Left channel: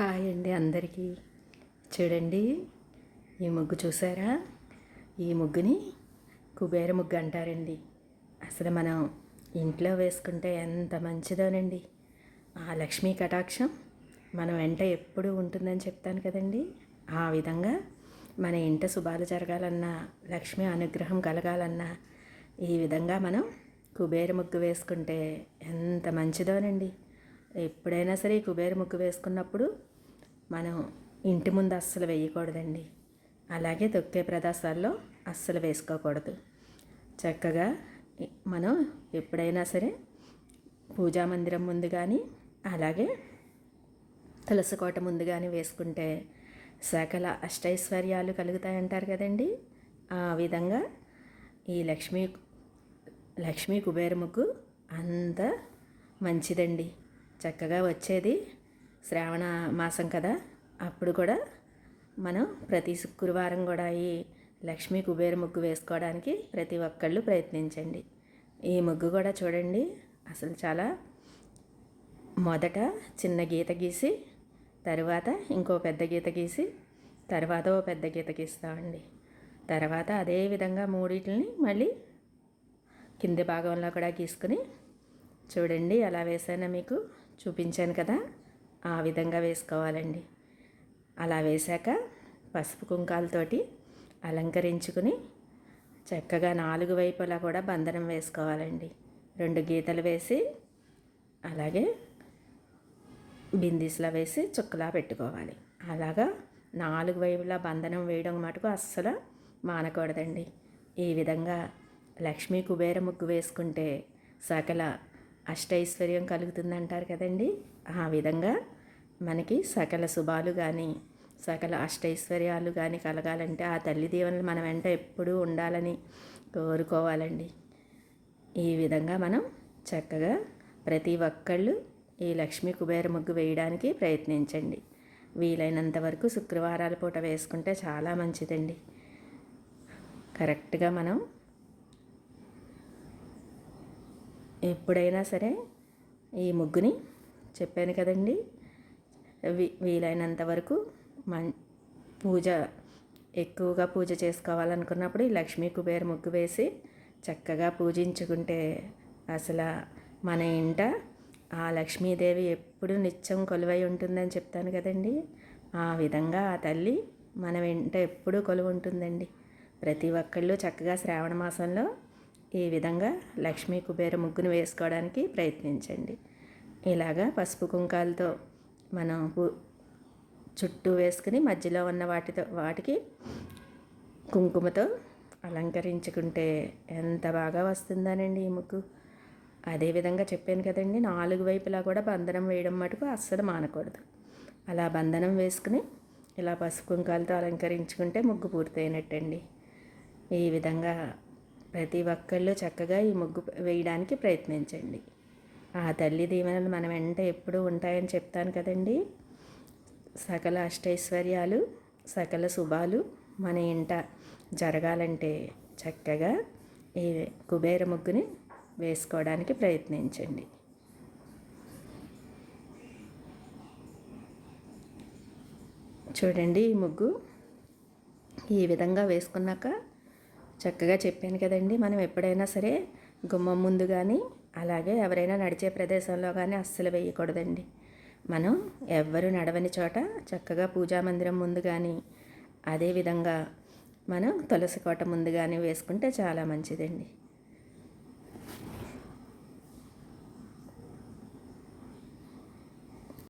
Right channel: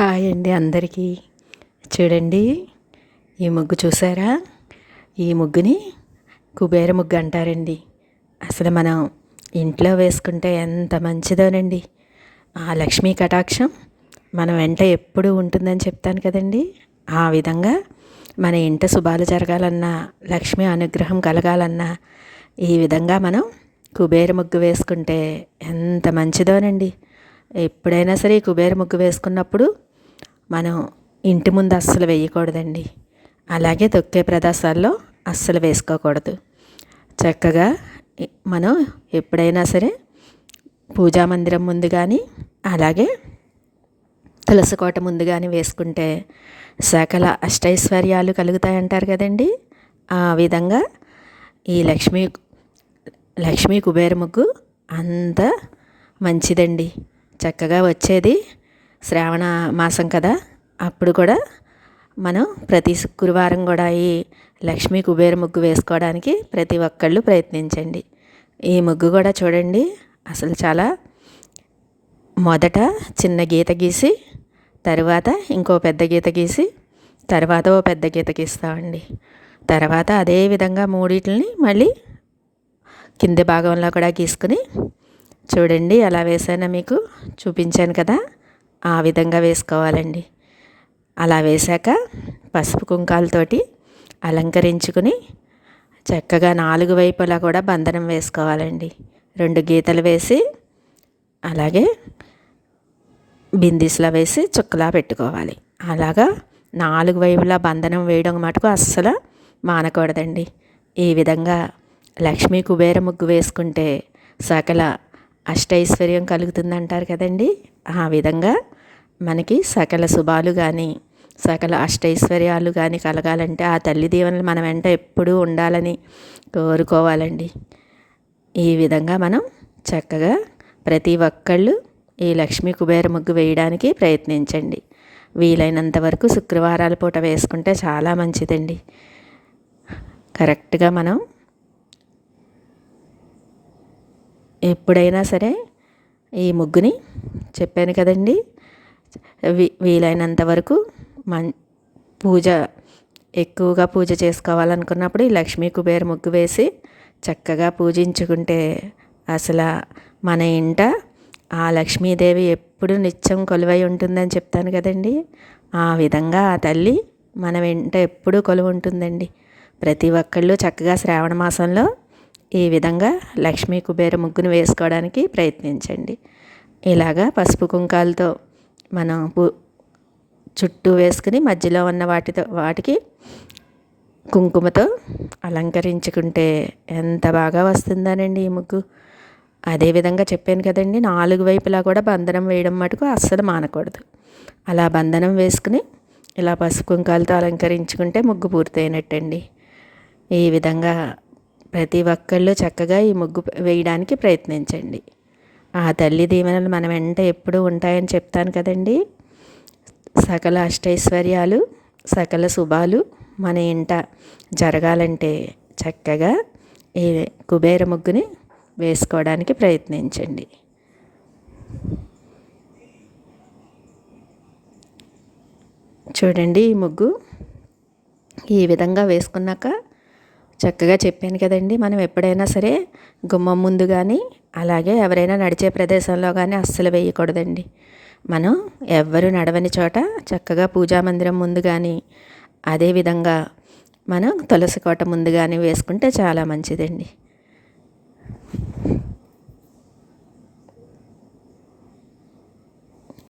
Hi అండి అందరికీ. చూడండి ఈ ముగ్గు చూసారా? ఈ ముగ్గుని కుబేర ముగ్గు అంటారండి. అసలు మనం ఇంట్లో వేసుకుంటే ఎంత మంచిదోనండి. ఆ లక్ష్మీ కటాక్షం మన వెంట ఎప్పుడు ఉంటుందని చెప్తాను కదండి. ఆ విధంగా మన ఇంట శుభాలు జరగాలన్నా లక్ష్మి అనుగ్రహం కలగాలన్నా ఈ విధంగా మనం కుబేర ముగ్గు వేసుకుంటే ఎంత మంచిదోనండి. ఎప్పుడైనా సరే కుబేర ముగ్గు వేసుకున్నప్పుడు మనం ఇంటి ముందు అస్సలు వేయకూడదండి. అలాగే తొక్కే ప్రదేశాల్లో అస్సలు వేసుకోకూడదు. చక్కగా మనం ఎప్పుడైనా సరే పూజా మందిరం ముందు కానీ అలాగే తులసి కోట ముందు కానీ వేసుకుంటే సకల అష్టైశ్వర్యాలు కలుగుతాయంటారు కదండి. ఆ విధంగా ఈ లక్ష్మీ లక్ష్మీ కుబేర ముగ్గు అంత మంచిదండి. చక్కగా వచ్చేది శ్రావణ మాసం కదా? అప్పుడు కూడా మనం ప్రతి శుక్రవారం కూడా ఈ లక్ష్మీ కుబేర ముగ్గు వేసుకోవడానికి ప్రతి ఒక్కళ్ళు ప్రయత్నించండి. ఈ ముగ్గు కూడా చూడండి. అసలు చాలా మొదట చిన్న గీత గీసి తర్వాత ఇంకో పెద్ద గీత గీసి తర్వాత ఓ పెద్ద గీత గీస్తామండి. తర్వాత అదే విధంగా మూడిటిని మళ్ళీ కింది భాగంలో కూడా గీసుకుని చూడండి ఎలా వేసానో మీకు చూపించాను కదా. ఆ విధంగా వేసుకోవాలండి. అలా వేశాక పసుపు కుంకాలతోటి అలంకరించుకుని చక్కగా నాలుగు వైపులా కూడా బంధనం వేసుకోవాలండి. రెండు గీతలు వేసి అలాగే బిందీస్లో వేసి చుక్కలా పెట్టుకోవాలి. అలాగా నాలుగు వైపులా బంధనం వేయడం మటుకు అస్సలు మానకూడదండి. ఈ విధంగా లక్ష్మీ కుబేర ముగ్గు వేసుకుంటే సకల అష్టైశ్వర్యం కలుగుతుందంటారు కదండి. ఆ విధంగా మనకి సకల శుభాలు కానీ సకల అష్టైశ్వర్యాలు కానీ కలగాలంటే ఆ తల్లి దీవెనలు మన వెంట ఎప్పుడూ ఉండాలని కోరుకోవాలండి. ఈ విధంగా మనం చక్కగా ప్రతి ఒక్కళ్ళు ఈ లక్ష్మీ కుబేర ముగ్గు వేయడానికి ప్రయత్నించండి. వీలైనంత వరకు శుక్రవారాల పూట వేసుకుంటే చాలా మంచిదండి. కరెక్ట్గా మనం ఎప్పుడైనా సరే ఈ ముగ్గుని చెప్పాను కదండి. వీ- వీలైనంత వరకు మన్ పూజ ఎక్కువగా పూజ చేసుకోవాలనుకున్నప్పుడు ఈ లక్ష్మీ కుబేర ముగ్గు వేసి చక్కగా పూజించుకుంటే అసలు మన ఇంట ఆ లక్ష్మీదేవి ఎప్పుడు నిత్యం కొలువై ఉంటుందని చెప్తాను కదండి. ఆ విధంగా ఆ తల్లి మన వెంట ఎప్పుడూ కొలువు ఉంటుందండి ప్రతి ఒక్కళ్ళు చక్కగా శ్రావణ మాసంలో ఈ విధంగా లక్ష్మీ కుబేర ముగ్గును వేసుకోవడానికి ప్రయత్నించండి. ఇలాగా పసుపు కుంకాలతో మనం చుట్టూ వేసుకుని మధ్యలో ఉన్న వాటితో వాటికి కుంకుమతో అలంకరించుకుంటే ఎంత బాగా వస్తుందనండి ఈ ముగ్గు. అదేవిధంగా చెప్పాను కదండి నాలుగు వైపులా కూడా బంధనం వేయడం మటుకు అస్సలు మానకూడదు. అలా బంధనం వేసుకుని ఇలా పసుపు కుంకాలతో అలంకరించుకుంటే ముగ్గు పూర్తయినట్టండి. ఈ విధంగా ప్రతి ఒక్కళ్ళు చక్కగా ఈ ముగ్గు వేయడానికి ప్రయత్నించండి. ఆ తల్లి దీవెనలు మన వెంట ఎప్పుడూ ఉంటాయని చెప్తాను కదండి. సకల అష్టైశ్వర్యాలు సకల శుభాలు మన ఇంట జరగాలంటే చక్కగా ఈ కుబేర ముగ్గుని వేసుకోవడానికి ప్రయత్నించండి. చూడండి ఈ ముగ్గు ఈ విధంగా వేసుకున్నాక చక్కగా చెప్పాను కదండి. మనం ఎప్పుడైనా సరే గుమ్మం ముందు కానీ అలాగే ఎవరైనా నడిచే ప్రదేశంలో కానీ అస్సలు వేయకూడదండి. మనం ఎవ్వరు నడవని చోట చక్కగా పూజా మందిరం ముందు కానీ అదేవిధంగా మనం తులసి కోట ముందు కానీ వేసుకుంటే చాలా మంచిదండి.